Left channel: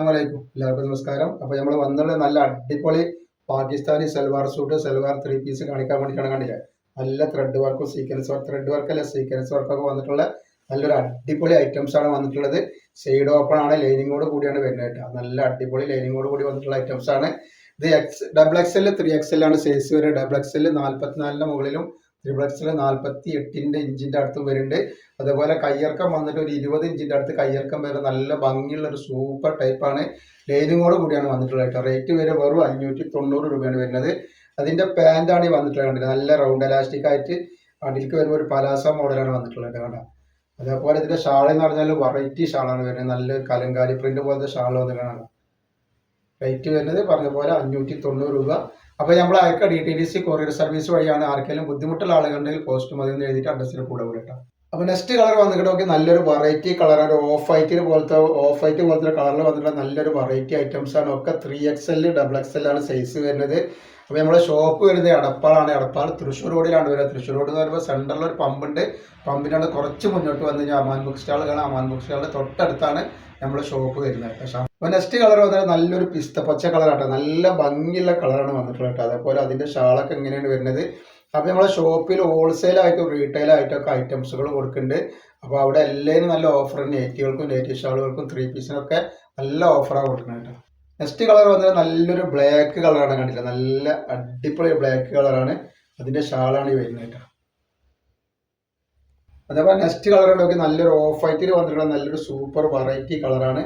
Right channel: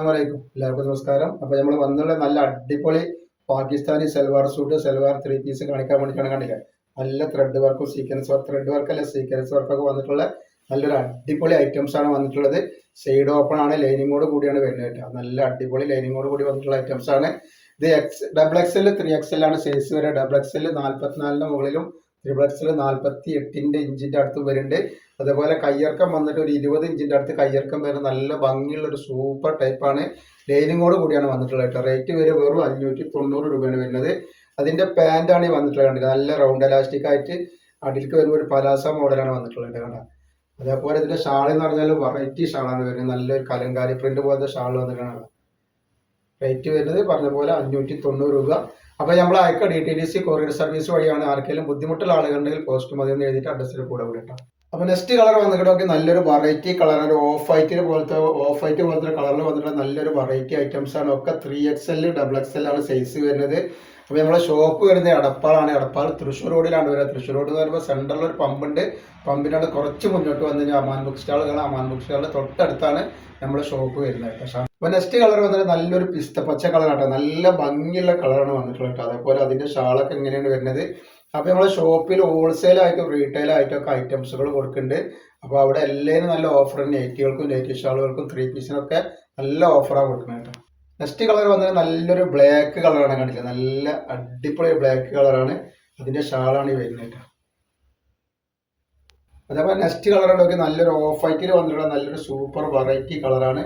അസ്സലാമലൈക്കും എല്ലാവർക്കും നമസ്കാരം. അപ്പോൾ നമ്മൾ വന്നുള്ള നല്ല അടിപൊളി പാകിസ്ഥാനി സൽവാർ സൂട്ട് സൽവാർ 3 പീസ് കാണിക്കാൻ വേണ്ടിയിട്ടാണ്. കണ്ടില്ലേ, നല്ല ത്രെഡ് വർക്കും സീക്വൻസ് വർക്ക്, ത്രെഡ് വർക്കല്ല സീക്വൻസ് വർക്കൊക്കെ വന്നിട്ടുള്ള നല്ലൊരു അടിപൊളി ഐറ്റംസ് ആണ് വന്നിട്ടുള്ളത്. സൈഡ് ഓപ്പൺ ആണ്, ലൈനിങ്ങോട് കൂടിയാണ് വരുന്നത് കേട്ടോ. നല്ല അടിപൊളി ലൈനിങ്ങോട് കൂടി വന്നിട്ടുള്ള ഐറ്റംസ് ആണ് ഇത്. ഡബിൾ എക്സൽ 3XL ആണ് സൈസ് വരെ. ഡബിൾ എക്സൽ 44ന്റെ മുകളിലും, ട്രിപ്പിൾ എക്സൽ 48 ഇഞ്ചിന്റെ അടുത്തും വരുന്നുണ്ട്. അതുപോലെ കയ്യിറക്കം വന്നിട്ട് ഒരു 20 ഇഞ്ചിന്റെ അടുത്ത് കയ്യിറക്കം വരുന്ന നല്ല ഭംഗിയുള്ള ഒരു സൂപ്പർ ടൈപ്പാണ്. ലൈനിങ്ങോട് കൂടിയാണ് വന്നിട്ടുള്ളത് കേട്ടോ. റേറ്റ് വരെ വെറും 590 രൂപയാണ് വരുന്നത്. അതിന്റെ പാൻറ്റാണ് ഈ വന്നിട്ടുള്ളത്. നല്ല റൗണ്ട് എലാസ്റ്റിക് ആയിട്ട് അടിയിലേക്ക് വരുമ്പോൾ ഒരു പലാസ മോഡലാണ് വന്നിട്ടുള്ളത് കേട്ടോ. അതേപോലെ ഇതിന്റെ ഷാൾ എന്ന് പറഞ്ഞാൽ വെറൈറ്റി ഷാളാണ് വരുന്നത്. നല്ലൊരു കലങ്കാരി പ്രിന്റ് പോലത്തെ ഷാൾ വന്നിട്ടാണ്. റേറ്റ് വരുന്നത് പറഞ്ഞ പോലെ 590 രൂപ. അപ്പോൾ നമ്മൾ അയക്ക DTDC കൊറിയർ സർവീസ് വഴിയാണ്. ആർക്കെങ്കിലും ബുദ്ധിമുട്ടുള്ള ആളുകളുണ്ടെങ്കിൽ പോസ്റ്റ് മതി എന്ന് എഴുതിയിട്ട് അഡ്രസ്സിന് കൂടെ വിളിക്കാം. അപ്പോൾ നെക്സ്റ്റ് കളർ വന്നിട്ട് നോക്കി, നല്ലൊരു വെറൈറ്റി കളറാണ്. ഓഫ് വൈറ്റ് പോലത്തെ കളറിൽ വന്നിട്ടുള്ള നല്ലൊരു വെറൈറ്റി ഐറ്റംസ് ആണ്. ഒക്കെ 3XL ഡബിൾ XL ആണ് സൈസ് വരുന്നത്. അപ്പോൾ നമ്മുടെ ഷോപ്പ് വരുന്നത് എടപ്പാളാണ്. എടപ്പാൾ തൃശ്ശൂർ റോഡിലാണ് വരുന്നത്. തൃശ്ശൂർ റോഡ് എന്ന് പറയുമ്പോൾ സെൻറ്ററിൽ ഒരു പമ്പുണ്ട്. പമ്പിനാണ് കുറച്ച് മുന്നോട്ട് വന്നു കഴിഞ്ഞാൽ അമാൻ ബുക്ക് സ്റ്റാളുകളാണ്. അമാൻ ബുക്ക് സ്റ്റാളിൻ്റെ തൊട്ടടുത്താണ് നമ്മുടെ ഷോപ്പ് വരുന്നത് കേട്ടോ. അപ്പോൾ നെക്സ്റ്റ് കളർ വന്നിട്ട് നല്ലൊരു പച്ച കളറാട്ടോ. നല്ല ഭംഗിയുള്ള കളറാണ് വന്നിട്ടുള്ളത് കേട്ടോ. അതേപോലെ അതിൻ്റെ ഷാളൊക്കെ എങ്ങനെയാണ് വരുന്നത്. അപ്പോൾ നമ്മളെ ഷോപ്പിൽ ഹോൾസെയിലായിട്ടും റീറ്റെയിലായിട്ടൊക്കെ ഐറ്റംസുകൾ കൊടുക്കുന്നുണ്ട്. അപ്പോൾ അവിടെ എല്ലാവരും നല്ല ഓഫർ, നൈറ്റികൾക്കും നൈറ്റി ഷാളുകൾക്കും 3 പീസിനൊക്കെ നല്ല ഓഫറാണ് കൊടുക്കുന്നത് കേട്ടോ. നെക്സ്റ്റ് കളർ വന്നിട്ട് നല്ലൊരു ബ്ലാക്ക് കളറാണ്. കണ്ടില്ല, നല്ല അടിപൊളി ബ്ലാക്ക് കളറാണ്. അതിൻ്റെ ഷാളാണ് ഈ വരുന്നത് കേട്ടോ. അതേപോലെ നെക്സ്റ്റ് കളർ നോക്കി, നല്ലൊരു ഓഫ് വൈറ്റിൽ വന്നിട്ടുള്ള നല്ലൊരു സൂപ്പർ വെറൈറ്റി കളറാണ്.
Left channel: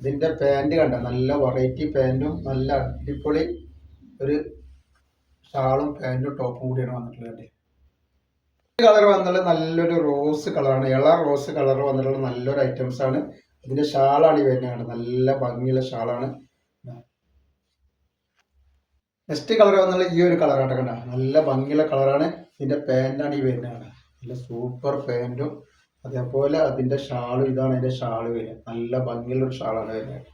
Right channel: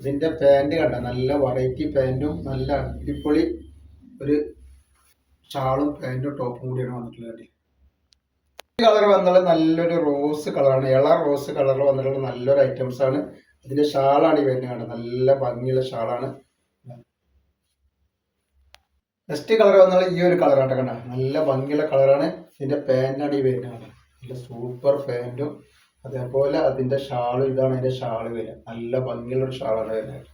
ഇതിൻ്റെ പാൻറ് കണ്ട, നല്ല വെറൈറ്റി പാൻറ്റും നല്ല അടിപൊളി ഒരു ഷാളും പാൻറ്റും ടോപ്പും കൂടിയാണ് വന്നിട്ടുള്ളത്. ഈ കളർ വന്നിട്ടുള്ളത് നല്ലൊരു റോസ് കളറാണ്. റോസ് കളർ വന്നിട്ടുള്ള നല്ലൊരു ഐറ്റംസ് ആണ്. ഇതിന്റെ ഷാളാണ് ഈ വരുന്നത്. നല്ല ഭംഗിയുള്ള ഷാളാണ്. നെക്സ്റ്റ് കളർ വന്നുള്ള ഈ ഒരു കളറാണ്. കണ്ട, നല്ല ഭംഗിയുള്ള കളറാണ്. ഇതിന്റെ പാൻറ്റാണ് ഈ വരുന്നത്. നല്ല സൂപ്പർ പാൻറ്റും അതേപോലെ അതിന്റെ ഷാളും. ഇതാണ് അതിന്റെ ഷാള് വരുന്നത്. നല്ല ഭംഗിയുള്ള ഒരു ഷാളാണ് വരുന്നത്.